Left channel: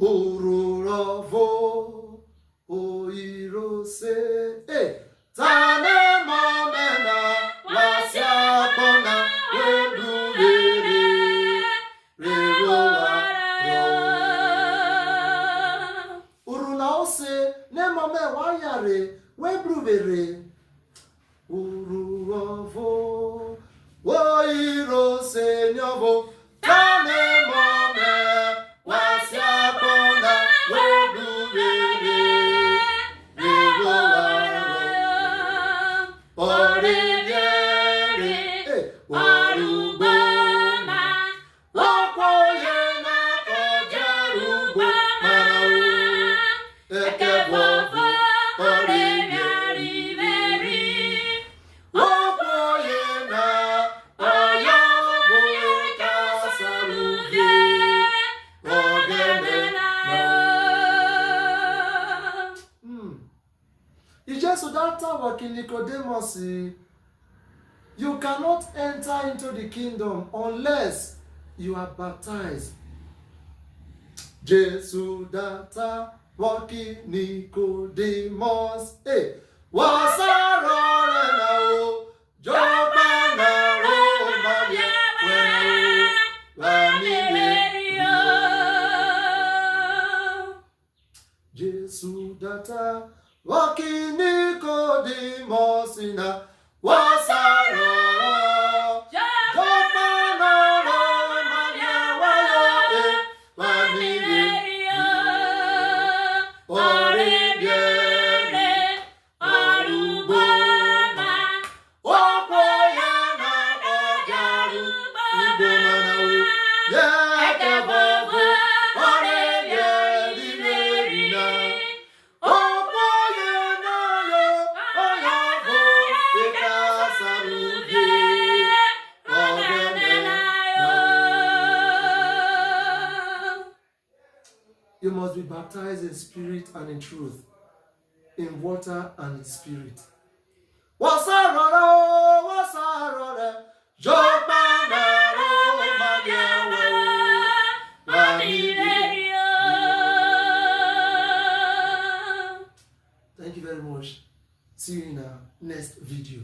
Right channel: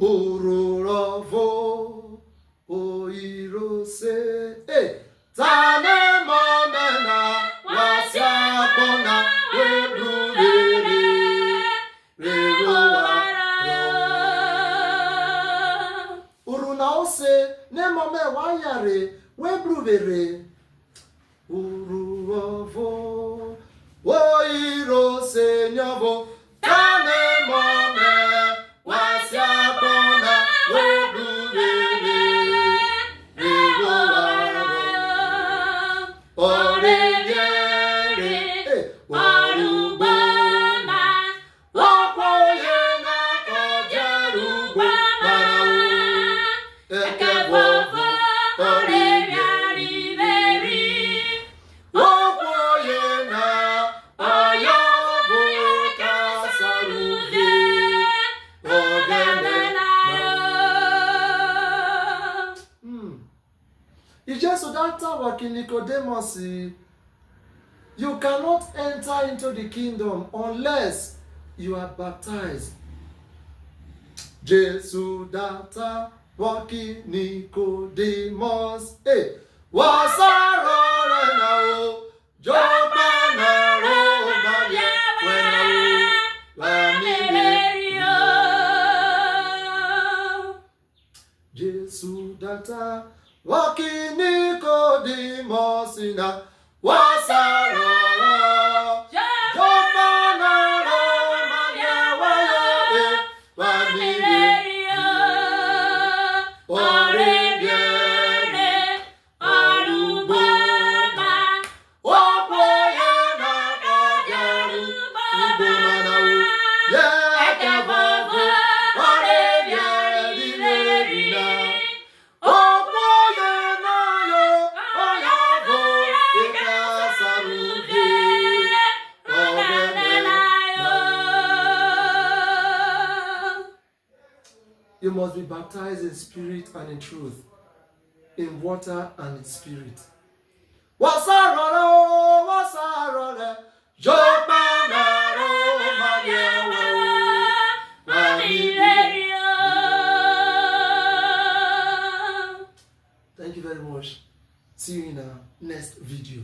Urhobo, oirose, tane momena, wasiapona, webrulere, reroa, urunaose, ne mome wayare, webruvere, Urhobo, oirose, nyobo, tane mome, wasiapona, webrulere, reroa, oreyere, waruboma, wakoyena kojerugbo marawu, ekebobo, oreyariveri, wakoyena, oyobo kasaruge, It's just so that working Nicodemus, you cannot enter into the kingdom unless you are baptized. Jesus data working Nicodemus, was a roller now, Jopana Romania, Jesus data walking Nicodemus na wasara Jopana Romania wanileria oreyere aruboma wakoyena ojaru ubomanawu yekebobo oreyerina You must be baptized in spirit and in truth, in water and in spirit. Thank you very much. See you in our next video.